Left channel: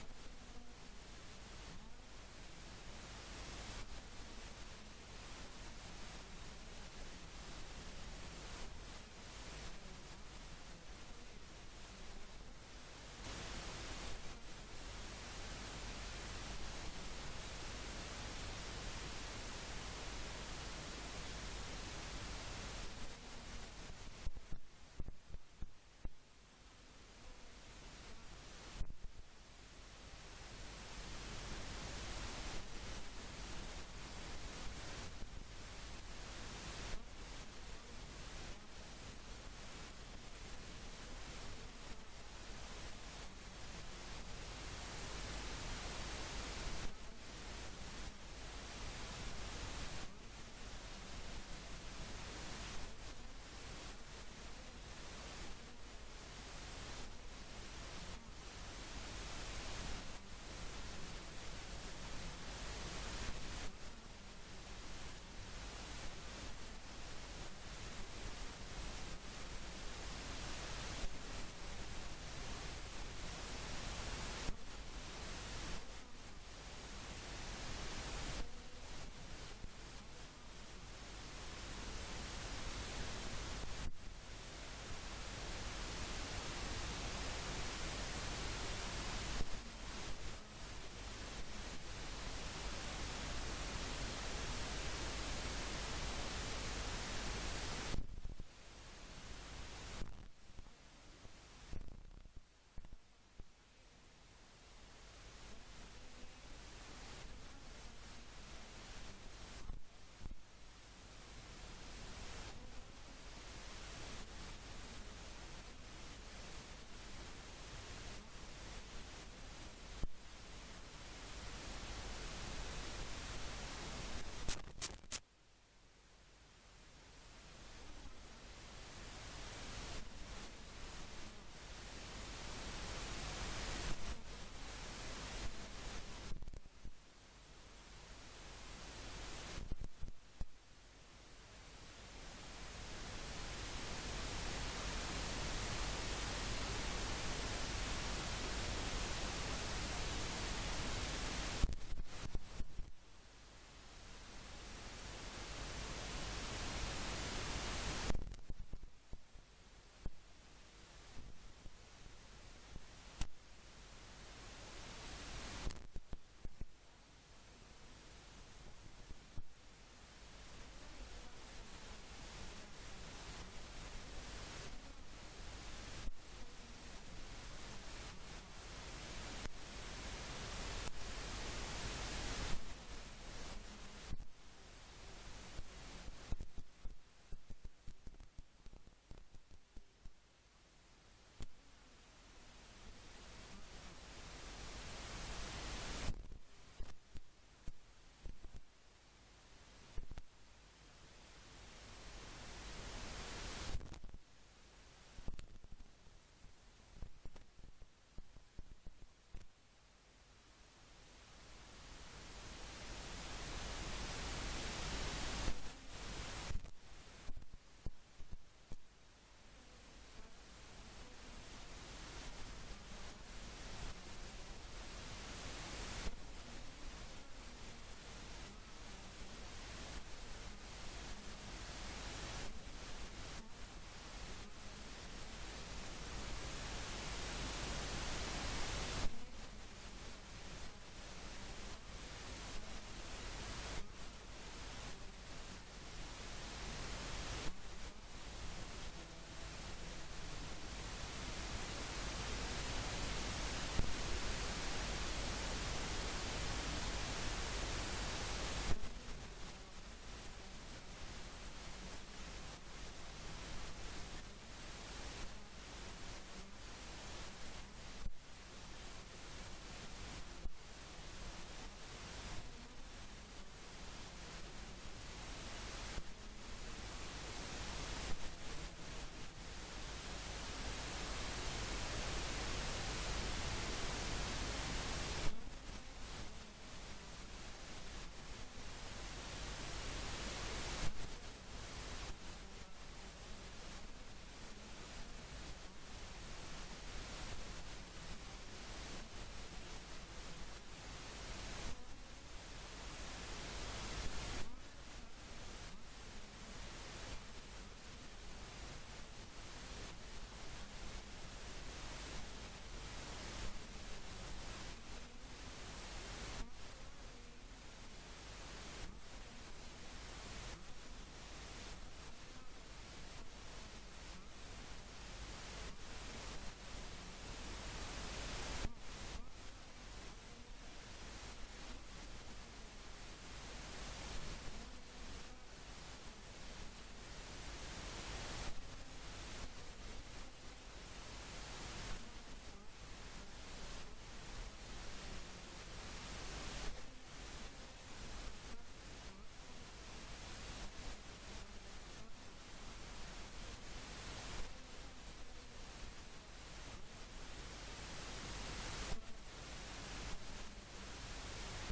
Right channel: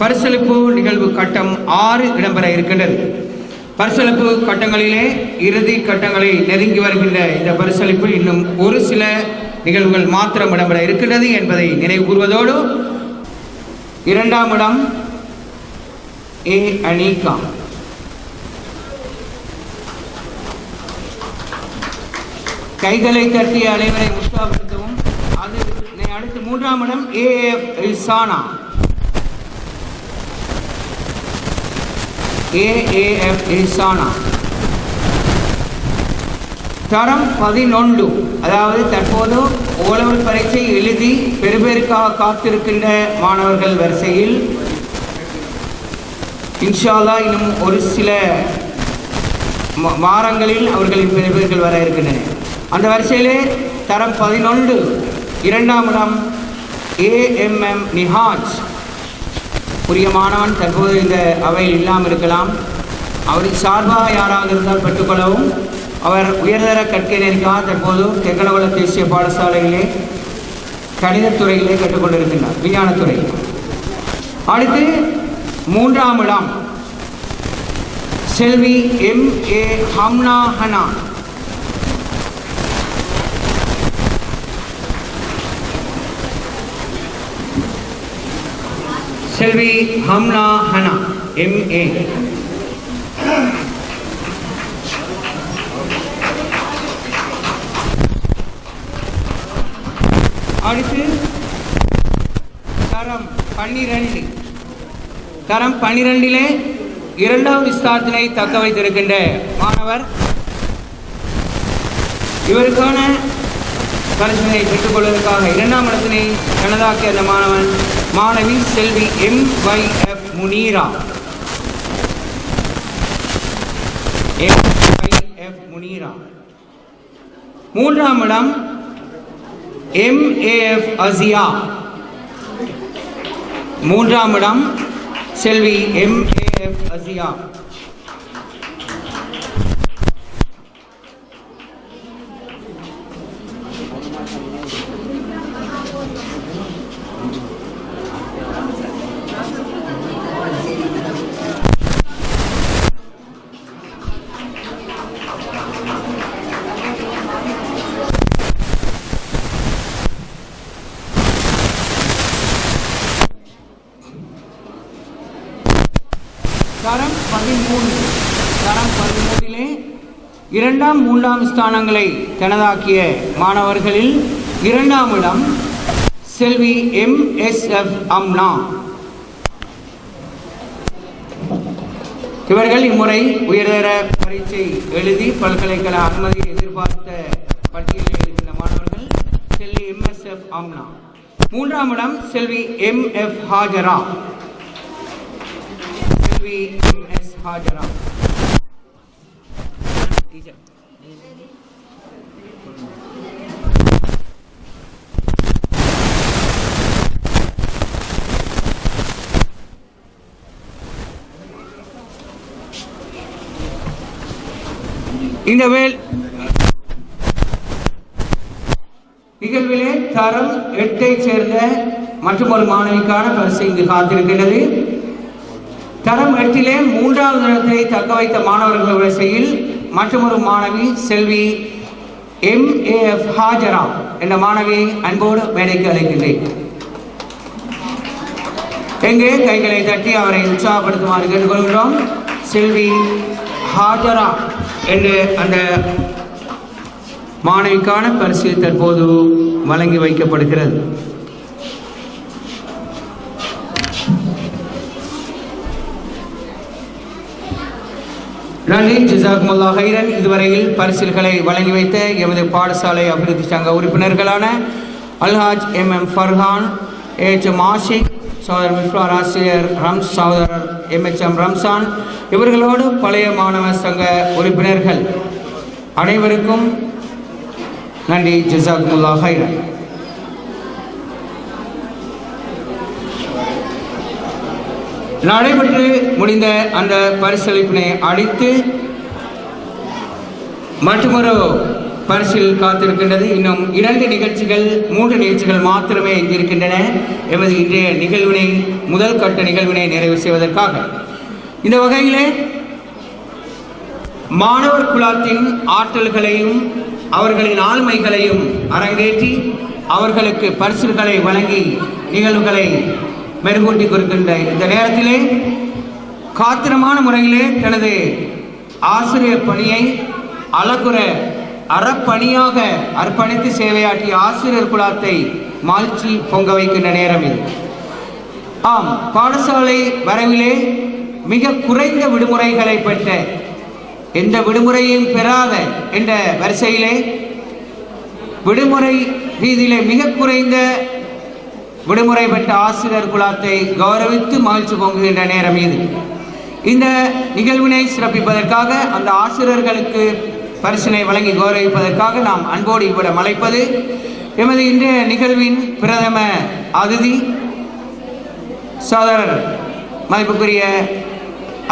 பரிசளிப்பு நிகழ்வு கட்டம் 6 இடம்பெற இருக்கின்றது. பரிசளிப்பு கட்டங்களிலே இறுதி கட்டங்களை நெருங்கி வருகின்ற இந்த பரிசளிப்பில் இன்னும் ஒரு சில நிகழ்வுகள் மாத்திரம் இடம்பெற இருக்கின்றது என்பதை நினைவு கூறுவதோடு, 2ஆம் இடம் ஏ அனிகா, கைகளை தட்டிய அனைவரை உற்சாகப்படுத்தவும். அதனை அடுத்து 3ஆம் இடம் ஏஎஃப் ரிசானா, AAF ரிசானா தரம் 11, அதாவது தற்போது ஓலவர் பரீட்சை எழுதி பெறுபேருக்காக காத்திருக்கின்ற மாணவர்கள் வரிசையில் இன்ஷா அல்லாஹ் இன்னும் ஒரு சில வாரங்களில் அவர்களின் பெறுபேர்கள் வர இருக்கின்றன. அந்த வரிசையிலே தரம் 11 2ஆம் இடம் AMM நிஹாஜ். உரிய மாணவன் தற்போது இந்த அவையில் இல்லாமல் இருக்கலாம். அவரின் சார்பாக யாராவது இருந்தால் பெற்றுக்கொள்ளவும். அவர் உயர்தர கற்கை நெறிக்காக தற்போது தெக்கலகுள தேசிய பாடசாலையிலே கணிதத்துறையிலே கற்றுக்கொண்டிருக்கின்றார், விஞ்ஞானத்துறையில். அடுத்து 3ஆம் இடம் செல்வி MA ஹம்னா ஹனா, செல்வி ஹம்னா ஹனா MA. அடுத்து தரம் 12, தரம் 12 2வது ஸ்தானத்தினை தக்க வைத்திருக்கின்ற மாணவர். இவருக்கான பரிசினை பெற்றுக்கொள்வதற்காக 2ஆம் இடத்தினை தனதாக்கிய அந்த மாணவி செல்வி MYF முனீரா. MYF முனீரா. 3ஆம் இடம் MAF அசியா. 3ஆம் இடம் செல்வி MAF அசியா. தரம் 13, தரம் 13 2ஆம் 3ஆம் ஸ்தானங்களை தனதாக்கிய மாணவர்களில் 2ஆம் இடம் செல்வி MSF அம்னா. இவர்கள் இம்முறை உயர்தர பரீட்சை எழுதி பல்கலைக்கழக அனுமதி எதிர்பார்த்த பட்டியலில் இருக்கின்ற மாணவர்கள். செல்வி MSF அம்னா. 3ஆம் இடம் செல்வி MF ஹாஜரா, MS ஹாஜரா. இந்த நிகழ்விலே தரம் 8 சேர்ந்த மற்றும் ஒரு மாணவிக்கான பரிசு இங்கு காத்திருக்கிறது. தரம் 8 3வது இடத்தை தக்க வைத்த மாணவர்கள் வரிசையில் மற்றொரு மாணவி செல்வி MAF ஹாஜரா என்ற மாணவி அன்போடு மேடைக்கு அழைக்கின்றேன். எங்கே கைகளை தட்டி அவரை உற்சாகப்படுத்துமாறு கேட்டுக்கொள்கிறோம். செல்வி ஹாஜரா என்று அந்த மாணவிக்கான பரிசு தற்போது வழங்கி வைக்கப்படுகிறது. நன்றி, ஜஸாக்குமுல்லாஹ் ஹைரன். இதுவரையில் பரிசில்களை வழங்கி வைத்த எமது பாடசாலை அபிவிருத்தி சங்க உறுப்பினர்களான அல்ஹாஜ் MM ஃபர்ஹான், HM ஆஷிக், சகோதரர் மிஃப்ரார் ஆசிரியர் சகோதரர் MHM ரம்சான், இவர்களோடு பழைய மாணவர் சங்க உறுப்பினர்கள் அனைவருக்கும் நன்றி, ஜஸாக்குமுல்லாஹ் ஹைரன். நடைபெற்று முடிந்த அந்த பரிசளிப்பினை அளித்து மற்றொரு பரிசில் காத்திருக்கின்றது. இன்னும் 2 நிகழ்ச்சிகள் 3 நிகழ்ச்சிகள் மாத்திரமே இருக்கின்றன. எமது இன்றைய நிகழ்வினை முதல் கட்ட நிகழ்வினை நிறைவு செய்வதற்காக இந்த வகையிலே மாணவர் குழாத்தின் ஆற்றல்களையும் அவர்களின் ஆளுமைகளையும் அரங்கேற்றி அவர்களுக்கு பரிசுகளை வழங்கி நிகழ்வுகளை மெருகூட்டி கொடுக்கின்ற இந்த நேரத்திலே காத்திரமான முறையிலே தனது ஆசிரியர் பணியை அழகுற அறப்பணியாக அர்ப்பணித்து சேவையாற்றிய ஆசிரியர் குழாத்தை மாழ்ச்சி பொங்க வைக்கின்ற நேரம் இது. ஆம், பாடசாலை வரவிலே மிக குறைந்த விடுமுறைகளை பெற்ற, எந்த விடுமுறையும் பெறாத என்ற வரிசையிலே விடுமுறை ரீதியிலே மிக குறைந்த விடுமுறை பெற்ற ஆசிரியர் குழாத்தை கௌரவித்து மகிழ்ச்சி பொங்குகின்ற நேரம் இது. இந்த நிகழ்வினை சிறப்பிப்பதற்காக அந்த ஆசிரியர்களுக்கு பரிசினை வழங்கி கௌரவிப்பதற்காக நாம் அன்போடு இவ்விடம் அழைப்பது எமது இன்றைய நிகழ்வின் பிரதம அதிதி சகோதரர் மதிப்புக்குரிய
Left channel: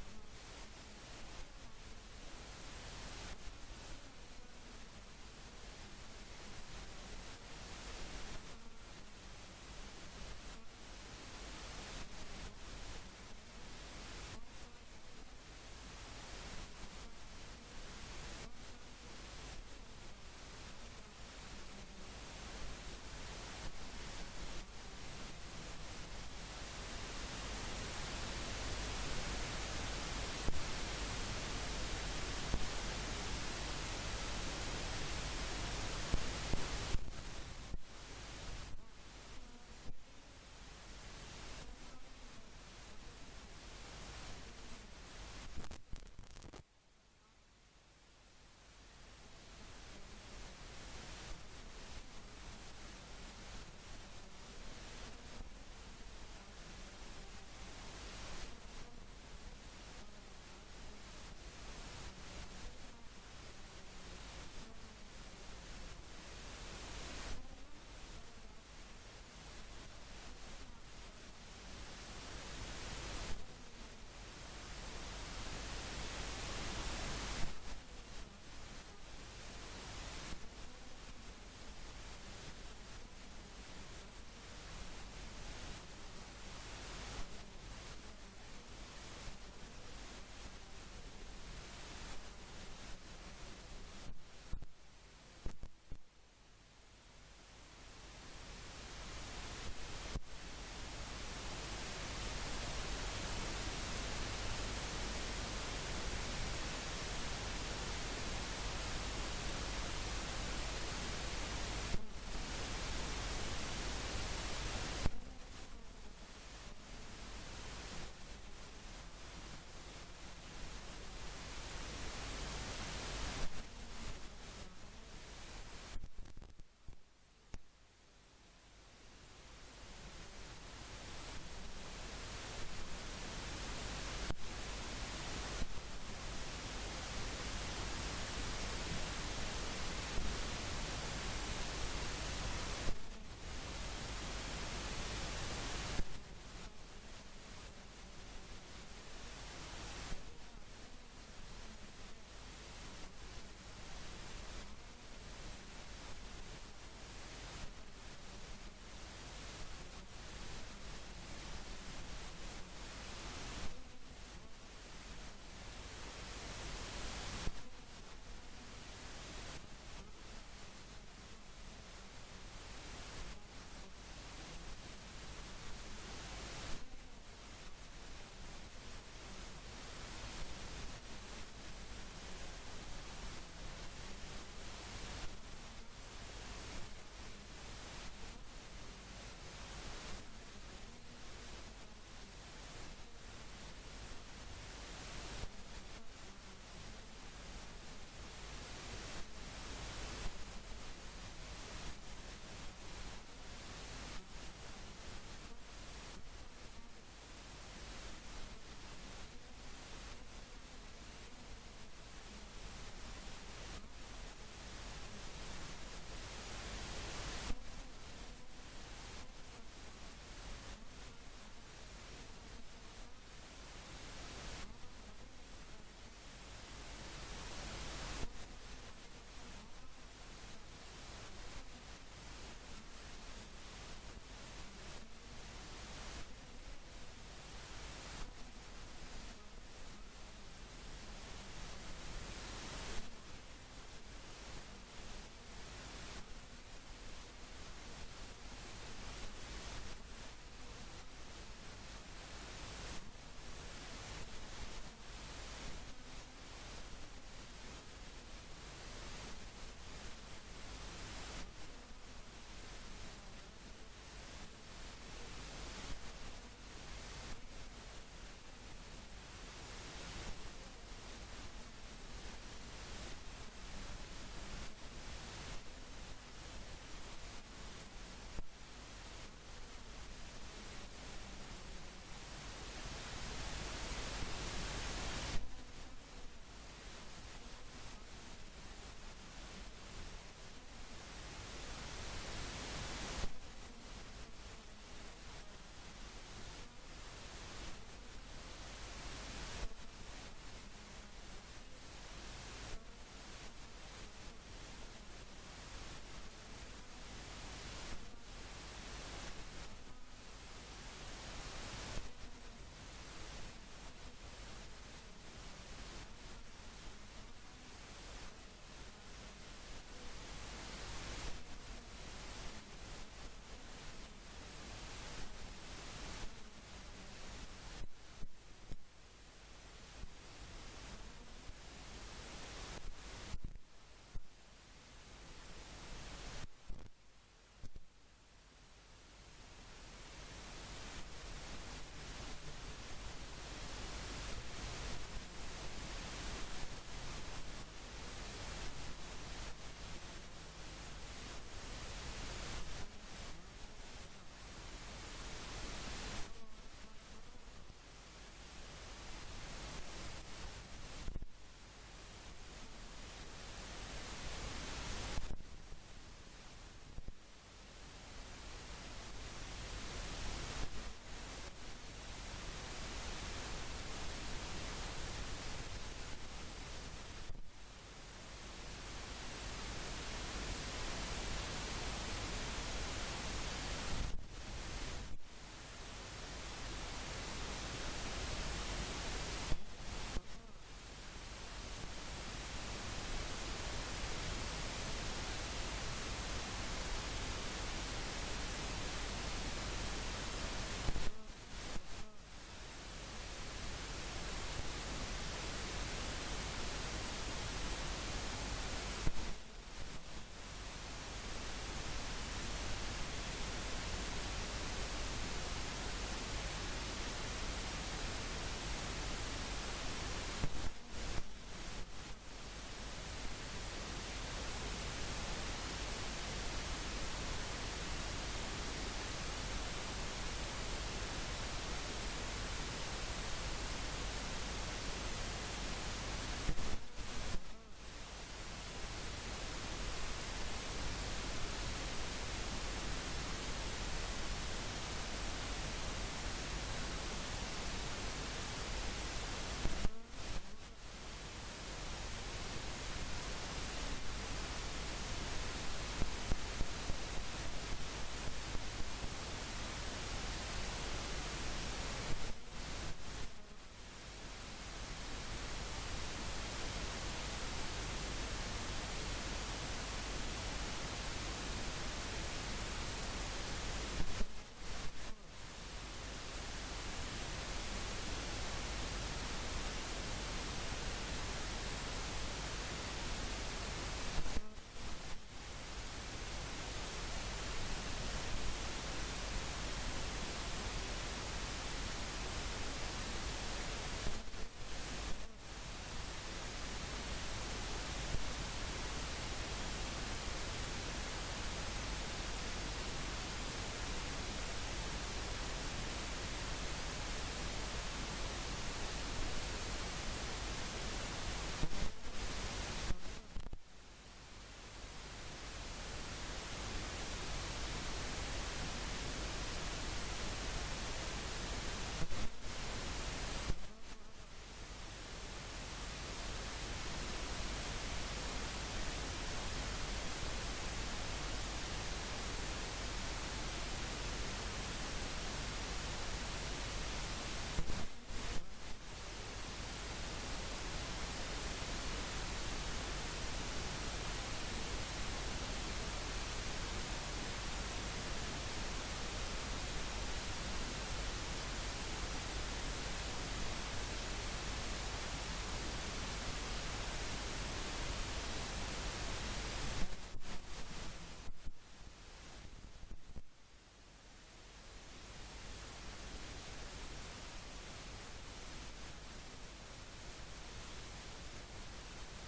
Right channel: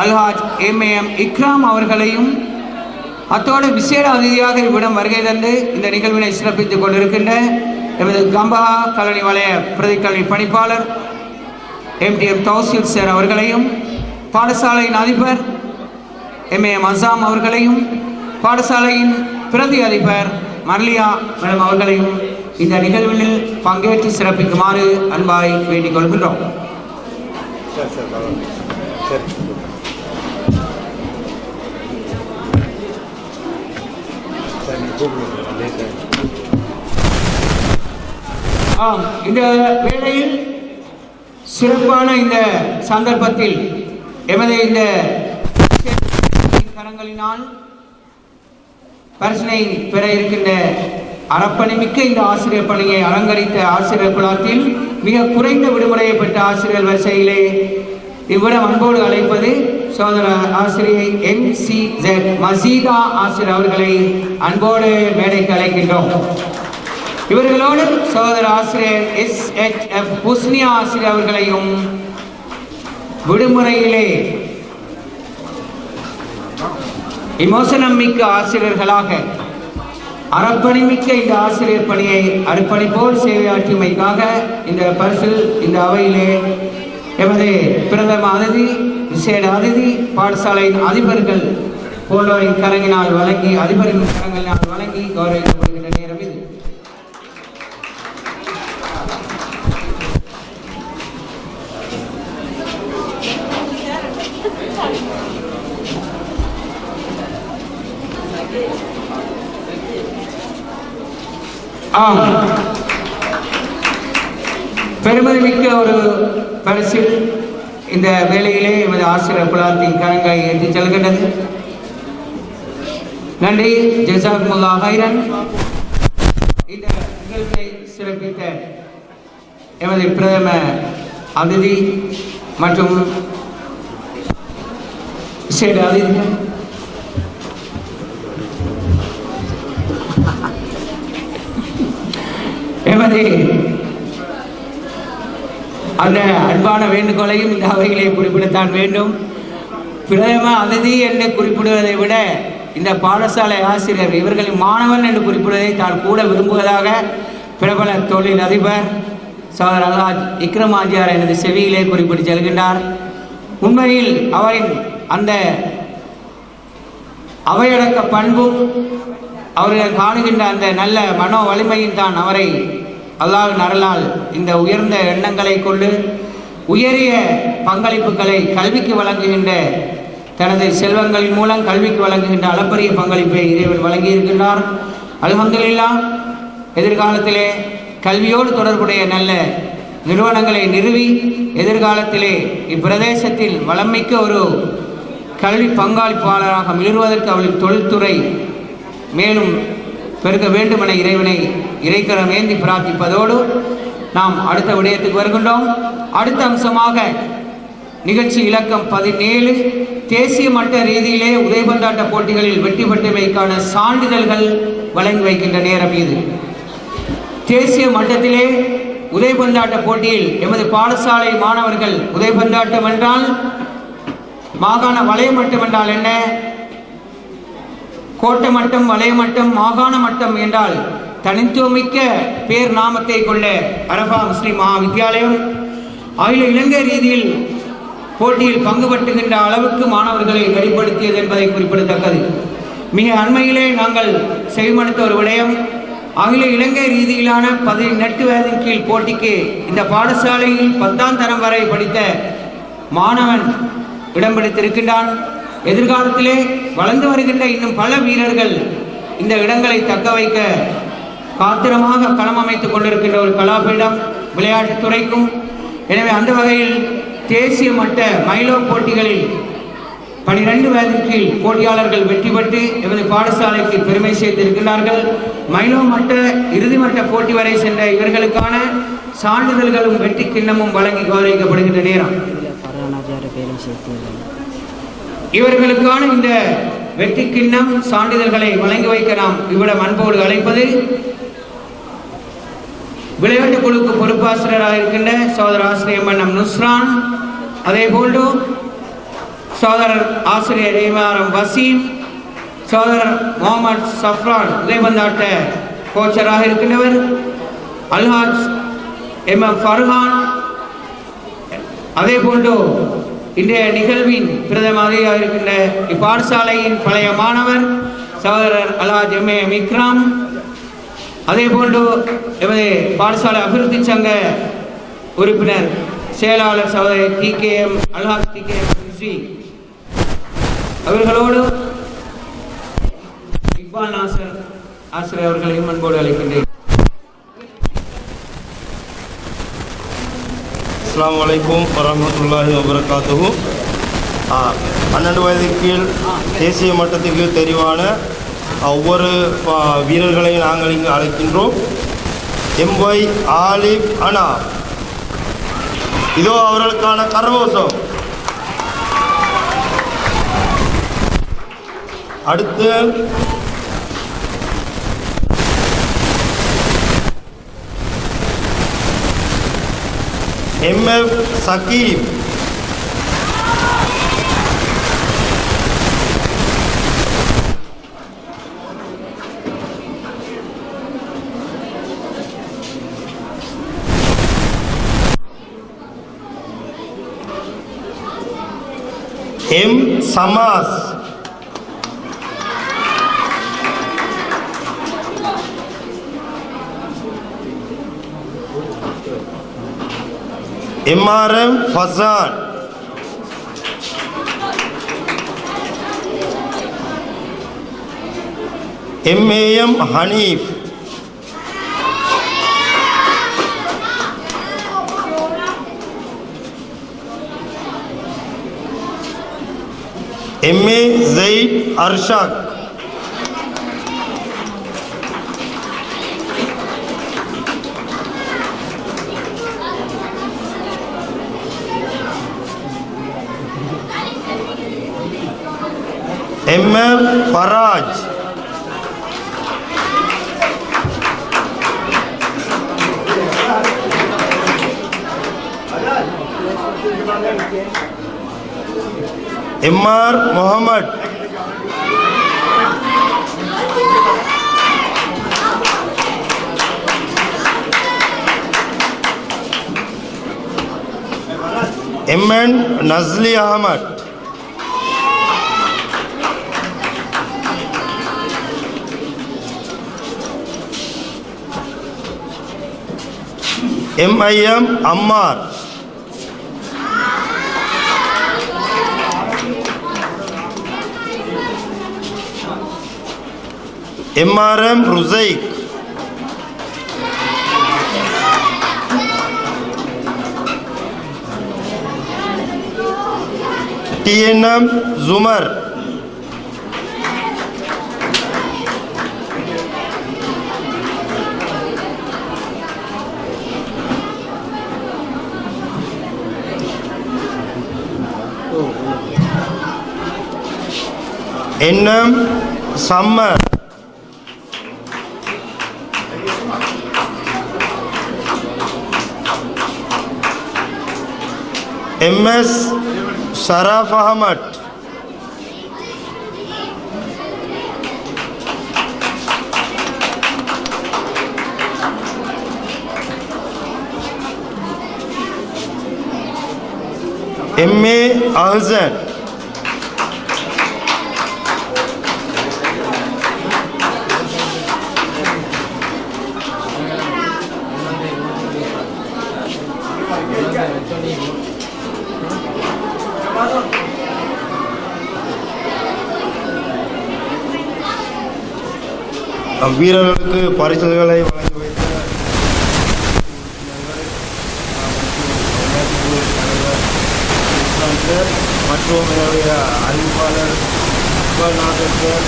அல்ஹாஜ் எம் இக்ராம் அவர்களையும், அத்தோடு விசேட அதிதியாக இவ்விடம் வருகை தந்து இந்த நிகழ்வினை சிறப்பித்துக் கொண்டிருக்கின்ற எமது கம்பஹா கல்வி வலய பிரதிக்கல்வி பணிப்பாளர் MTM தௌசீல் சார் அவர்களையும், பாடசாலையின் அதிபர் MAM அசாம் அவர்களையும், பாடசாலையின் பிரதி அதிபர் மர்லியா மேடம் அவர்களையும் இந்த நிகழ்வில் பங்கேற்று சிறப்பிக்குமாறு அன்பாய் வேண்டிக் கொள்கின்றோம். ஆம், இந்த வேளையில் சிறப்பான இந்த சந்தர்ப்பத்தில் எமது இந்த கரங்களினால் பரிசினை பெற இருக்கின்ற அறப்பணிமிக்க இந்த ஆசிரியர் பணியை அலங்கரித்த ஆசிரியர் குழாத்தில் மிக குறைந்த விடுமுறையை பெற்ற ஆசிரியர் வரிசையிலே இவ்விடம் அன்போடு அழைப்பது சகோதர ஆசிரியை MCZ மசீதா ஆசிரியர் அவர்களை அன்போடு மேடைக்கு அழைக்கின்றோம். இவர்களோடு சகோதர ஆசிரியர் SHF ஹுஸ்னியா ஆசிரியர் அவர்களையும் விடுமுறையிலே விமோசனம் மிக்க ஆசிரியர்களாக அறப்பணிமிக்க இந்த ஆசிரியர் பணியை அர்ப்பணிப்போடு சேவையாற்றியமைக்காக இந்த பரிசில் இந்த அவையிலே எமது பிரதம அதிதி, விசேட அதிதி, பாடசாலையின் அதிபர்கள் போன்றோரின் கரங்கினால் வழங்கி, அதிபரின் கரங்களினால் வழங்கி கௌரவிக்கப்படுகின்ற நேரம் இது. பெருமதிமிக்க ஒரு பரிசில் இந்த வேளையிலே எமது ஆசிரியர் குழாத்தின் கரங்களை ஏற்றி செல்கின்றது. நன்றி, ஜஸாக்குமுல்லாஹ் ஹைரன். இந்த நிகழ்வை சிறப்பித்த எமது பிரதம அதிதி மற்றும் விசேட அதிதி எமது அந்த அன்பான வேண்டுகோளையும் இந்த அவைகளை குறிப்பிடத்தான் வேண்டும். பிரதம அதிதி என்று குறிப்பிடுவதை விட இந்த பாடசாலை ஆசிரியர் இவர்களின் மாணவன் என்று குறிப்பிடுவதை தான் கூட விரும்புவதாக பிரபல தொழில் அதிபர் சகோதரர் அல்ஹாஜ் இக்ரம் ஆஜியார் எனது செவியிலே குறிப்பிட்டு செல்கின்றார். உண்மையில் அவரின் அந்த அவையடக்க பண்பும் அவர்கள் காணுகின்ற அந்த நல்ல மனோ வலிமையும் தான் அவரை அல்லாஹ்வின் அருளால் இந்த உயர்ந்த எண்ணங்களை கொண்டு உயரிய பங்களிப்புகளை கல்விக்கு வழங்குகின்ற, தனது செல்வங்களின் மூலம் கல்விக்கு வழங்குகின்ற அளப்பரிய பங்களிப்பை இறைவன் வழங்கியிருக்கின்றார். அல்ஹம்துலில்லாஹ். எதிர்காலத்திலே கல்வியோடு தொடர்புடைய நல்ல நிறுவனங்களை நிறுவி எதிர்காலத்திலே இப்பிரதேசத்தில் வளமிக்க ஒரு கல்வி பங்களிப்பாளராக மிளறுவதற்கு அவளின் தொழில்துறை மேலும் பெருக்க வேண்டும் என இறைவனை இறைக்கரம் ஏந்தி பிரார்த்திப்பதோடு நாம் அடுத்த விடயத்துக்கு வருகின்றோம். அடுத்த அம்சமாக நிகழ்ச்சி இலக்கம் 17 தேசிய மட்ட ரீதியிலே உதைபந்தாட்ட போட்டிகளில் வெற்றி பெற்றமைக்கான சான்றிதழ்கள் வழங்கி வைக்கின்ற நேரம் இது. தேசிய மட்டத்திலே உதைபந்தாட்ட போட்டியில் எமது பாடசாலை மாணவர்கள் உதைபந்தாட்டம் என்றால் மாகாண வலய மட்டம் என்றால் என்ன, கோட்டை மட்டம், வலய மட்டம், மாகாண மட்டம் என்றால் தனித்துவமிக்க பேர் நாமத்தை கொண்ட அரபா முஸ்லிம் மகா வித்தியாலயம் அகில இலங்கை ரீதியில் போட்டியில் பங்கு பற்றுகின்ற அளவுக்கு மாணவர்களை வெளிப்படுத்தியது என்பதை குறிப்பிடத்தக்கது. மிக அண்மையிலே நாங்கள் செவிமடுத்த ஒரு விடயம், அகில இலங்கை ரீதியிலான 18 வயதின் கீழ் போட்டிக்கு இந்த பாடசாலையில் 10ஆம் தரம் வரை படித்த மாணவன் இடம் பிடித்திருக்கின்றான். எதிர்காலத்திலே வளர்ந்து வருகின்ற இன்னும் பல வீரர்கள் இந்த இடங்களை தக்க வைக்க காத்திரமாக களம் அமைத்துக் கொண்டிருக்கின்ற ஒரு கலாபீடம் விளையாட்டுத்துறைக்கும். எனவே அந்த வகையில் தேசிய மட்ட மைலோ போட்டிகளில் 12 வயதின் கீழ் போட்டியாளர்கள் வெற்றி பெற்று எமது பாடசாலைக்கு பெருமை சேர்த்திருக்கிறார்கள். மைலோ மட்ட இறுதி மட்ட போட்டி வரை சென்ற இவர்களுக்கான சான்றிதழ்களும் வெற்றி கிண்ணமும் வழங்கி கௌரவிக்கப்படுகின்ற நேரம். இவர்களுக்கான இந்த வெற்றி கிண்ணம் சான்றிதழ்களை வழங்கி வைக்க நாம் இவ்விடம் அன்போடு அழைப்பது விளையாட்டு குழுக்கு பொறுப்பாசிரியராக இருக்கின்ற சகோதரர் ஆசிரியர் மன்னம் நுஸ்ரான், அதே போன்று சகோதரர் ஆசிரியர் இமாரம் வசீம், சகோதரர் முகமது சஃப்ரான் உதயபந்தாட்ட கோச்சராக இருக்கின்றவர், அல்ஹாஜ் MM ஃபர்ஹான், அதே போன்று இன்றைய நிகழ்வின் பிரதம அதிகாரியாக இருக்கின்ற இப்பாடசாலையின் பழைய மாணவர் சகோதரர் அல்ஹாஜ் MM இக்ராம், அதே போன்று எமது பாடசாலை அபிவிருத்தி சங்க உறுப்பினர் செயலாளர் சகோதரர் TKM அல்ஹாஜ் TKM அவர்களோடு இக்பால் நாசர் ஆசிரியர் அவர்களையும் அன்போடு அழைக்கின்றேன். அஸ்ஸலாமு அலைக்கும் வரஹ்மத்துல்லாஹி வபரகாத்துஹு. 12 வயதுக்கு கீழ் தேசிய மட்டத்துக்கு தெரிவான ஒவ்வொரு வீரர்களையும் நாங்கள் இங்கு அழைக்கின்றோம். MY ஆலிப் அனா, இதோ அவர்களுக்கான கரகோஷம். அடுத்து MF Sakeeb, M Samas, MRM Fasan, MAM Haneef, MA Jayith Arshak, MF Faraj, MR Mohamed, MN Nasli Ahamed, MIM Ammar, MRM Rusaik, TNM Jumar, NM Sammar, MS Sharaf Ahamed, MA Ahsan வீரர்களுக்கு பரிசுகளை வழங்கி வைத்த மற்றும் என்னுடைய அறிவிப்பாளர் நாகேஸ்வர்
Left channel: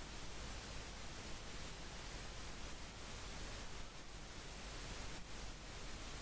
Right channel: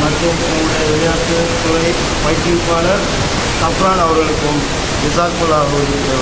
மற்றும் என்னுடைய விளையாட்டுத்துறை பயிற்றுவிப்பாளர் சப்ரான் அவர்களுக்கும் விசாக்குல்லா அவர்களுக்கு